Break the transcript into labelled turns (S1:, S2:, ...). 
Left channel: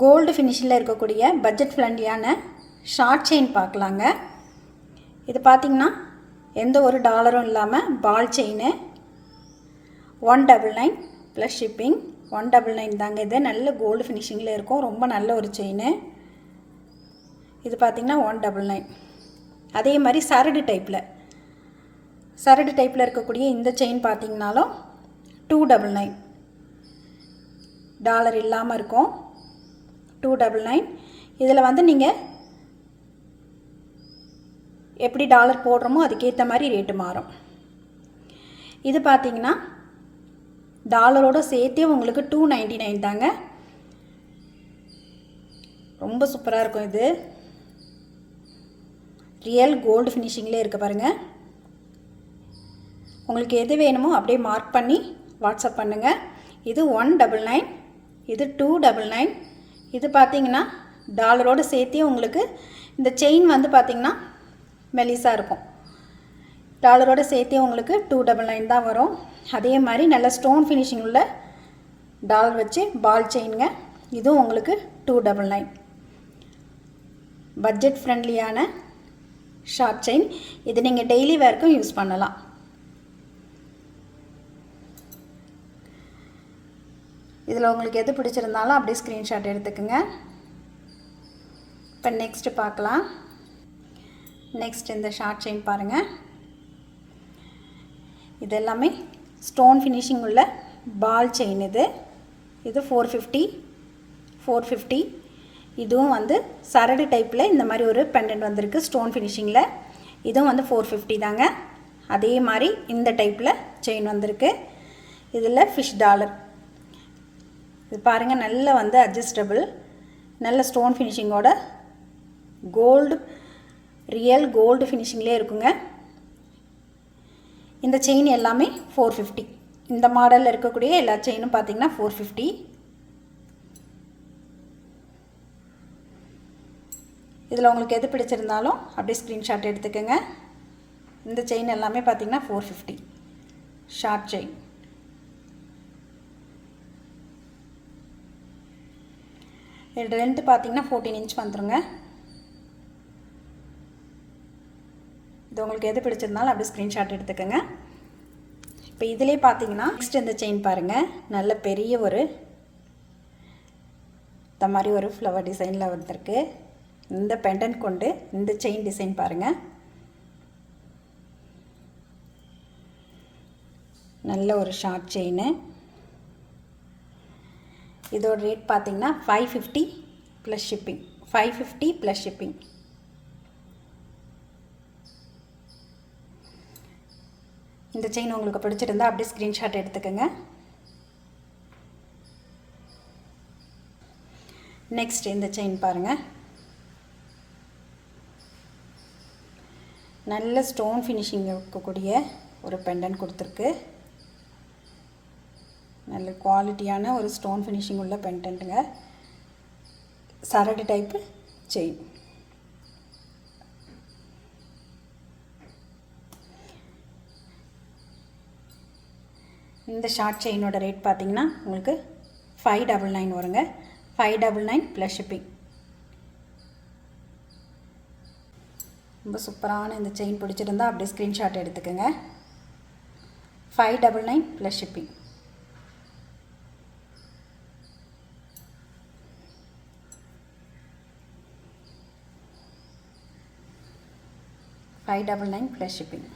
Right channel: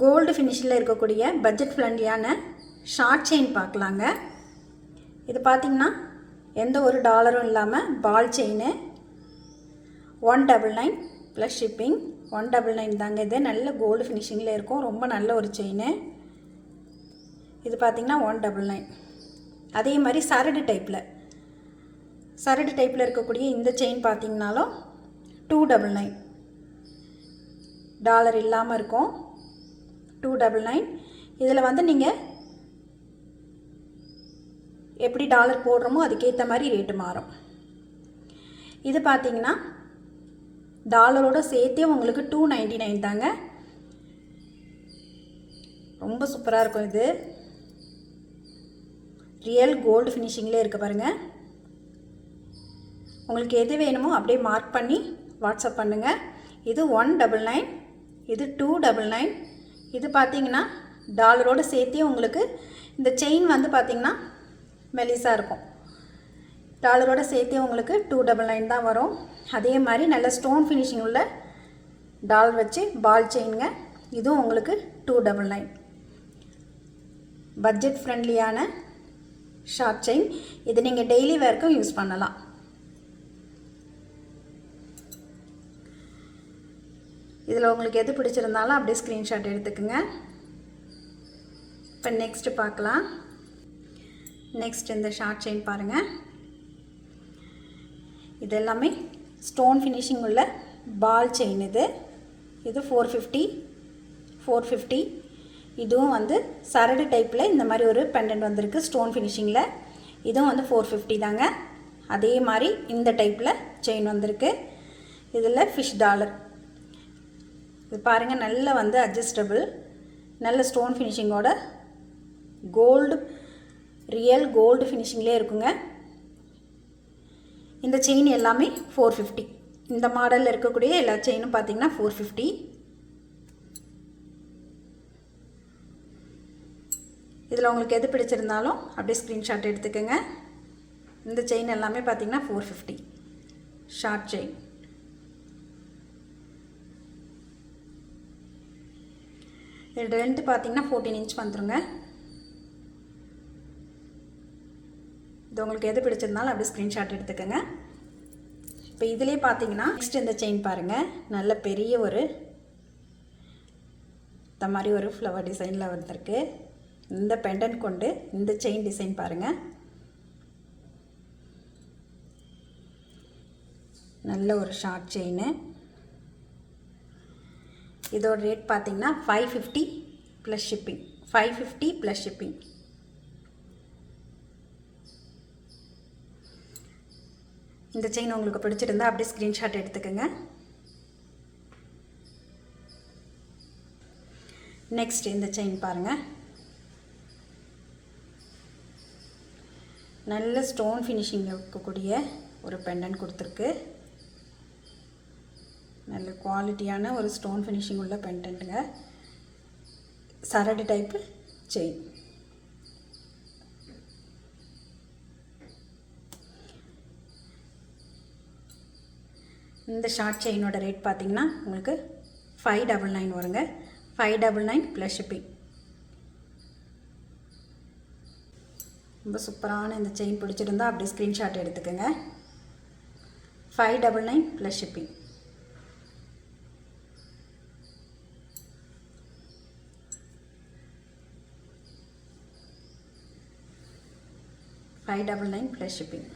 S1: Gold ஃபினிஷில் இருக்கக்கூடிய budget ஃப்ரெண்ட்லியான short chain பார்க்கலாங்க. இது பார்த்திங்கன்னா எந்த ஒரு டாலரும் இல்லாமல் ball chain one double nine plus shipping one double nine தாங்க இது. நல்ல கோல்டு ஃபினிஷிங்கில் இருக்கும். ரொம்ப நல்ல ஒரு செயின் இது பார்த்திங்கன்னா ஒன் டபுள் நைன் அதே மாதிரி சரடு டைப்பில் சரடு டைப்பில் இருக்கக்கூடிய இந்த செயின் பார்த்திங்கனாலும் டூ டபுள் நைன் டாலர் இல்லாமல் இருக்கும். டூ டபுள் நைன் இதில் வந்து நீங்கள் எப்படி டாலர் போடுறோமோ அதுக்கேற்ற மாதிரி ரேட்டு மாறும். இது பார்த்தீங்கன்னா டாலரோடு சேர்த்தே உங்களுக்கு டூ நைன்டி நைன் தாங்க. ரொம்ப சூப்பராக இருக்கும் இது. ரியல் கோல்டு ஃபினிஷிங்லேயே இருக்க பாருங்கள் உங்களுக்கு எது வேணுமோ அப்படியே மார்க் பண்ணி வாட்ஸ்அப் பண்ணுங்கள் இது ஒன் டபுள் நைன் இது டூ டபுள் நைன் இது பார்த்தீங்கன்னா டாலரோடு சேர்த்தே உங்களுக்கு இந்த செயின் வந்து பார்த்திங்கன்னா மெலிசாக இருக்கும். டாலரோடு சேர்த்தே உங்களுக்கு டூ டபுள் நைன் தான் வரும். அதே மாதிரி நல்ல ஸ்டோன் ஃபினிஷிங் உள்ள டாலர் வச்சு பால் செயினுங்க. இதுவும் உங்களுக்கு டூ டபுள் நைன். பட்ஜெட் ஃப்ரெண்ட்லியான ஷார்ப் செயின். இது நீங்கள் டெய்லி வேர்க்கும் யூஸ் பண்ணலாம். இதில் உங்களுக்கு எது பிடிச்சிருந்தாலும் அப்படியே ஸ்க்ரீன்ஷாட் எடுத்துக்கோங்க. இப்போ நெக்ஸ்ட்டு பார்க்கலாம். நெக்ஸ்ட் இந்த ஷார்ட் செயின் பாருங்கள் இது எல்லாமே ஸ்டோன் ஃபினிஷிங் உள்ள பால் செயின் இது. இது ஃபோர் ஃபிஃப்டி ஃபோர் ஃபிஃப்டி இதுவும் வந்து சரடு டைப்பில் இந்த மாதிரி ஒரு பெண்டன்ட் வந்திருக்கு ஸ்டோன் ஃபினிஷிங்கில் இதுவும் வந்து ஃபோர் ஃபிஃப்டி தாங்க. அதே மாதிரி இந்த டைப்பில் செயின் வந்திருக்கு. இதில் ஃபிஷ் டாலர் இது பாருங்கள் நல்ல வந்து அட்ஜஸ்டபிள் நல்ல ஸ்டோன் ஃபினிஷிங்கோட கோல்டு ரியல் கோல்டு ஃபினிஷிங்லேயே இருக்குங்க. இந்த செயின் எல்லாமே ஃபோர் ஃபிஃப்டி இந்த மாடலில் இருக்கக்கூடிய எல்லா செயினும் பார்த்தீங்கன்னா ஃபோர் ஃபிஃப்டி இதில் உங்களுக்கு எது பிடிச்சிருந்தாலும் அப்படியே ஸ்க்ரீன்ஷாட் எடுத்துக்கோங்க. இந்த செயின் எல்லாமே பார்த்தீங்கன்னா ஃபோர் ஃபிஃப்டி ஷார்ட் செயின் இது லென்த்து பார்த்தீங்கன்னா ஃபோர்டீன் இன்ச் வந்துருங்க. இது உங்களுக்கு எது பிடிச்சிருந்தாலும் அப்படியே ஸ்க்ரீன்ஷாட் எடுத்துக்கோங்க. இப்போ இதிலே பார்த்தீங்கன்னா நெக்ஸ்ட் இந்த செயின் பாருங்கள் நல்ல பெரிய ஒரு இந்த மாதிரி ஒரு ஃப்ளவர் டிசைனில் வந்திருக்கு. இந்த பெண்டன் கொண்டு இந்த செயின் டிசைன் பாருங்கள் நல்ல ஒரு ஷார்ட் செயின் இதோட ரேட் பார்த்தீங்கன்னா five fifty plus shipping five fifty plus shipping இந்த செயின் உங்களுக்கு பிடிச்சிருந்தா அப்படியே ஸ்க்ரீன்ஷாட் எடுத்துக்கோங்க. நெக்ஸ்ட் இந்த செயின் பாருங்கள் நல்ல ஸ்டோன் ஃபினிஷிங் இருக்கக்கூடிய ஒரு பெண்டன் கொடுத்துருக்கு. நல்ல குவாலிட்டியான ஒரு ஸ்டோன் ஃபினிஷிங் உள்ள பெண்டன்ட்டுங்க சரடு டைப்பு செயின் இந்த ஷார்ட் செயினோட ரேட் பார்த்தீங்கன்னா உங்களுக்கு ஃபைவ் டபுள் நைன் வருங்க. Five double nine plus shipping ரொம்ப சூப்பரான இந்த செயின் பிடிச்சிருந்தா அப்படியே ஸ்க்ரீன்ஷாட் எடுத்துக்கோங்க. Five double nine plus shipping five double nine plus shipping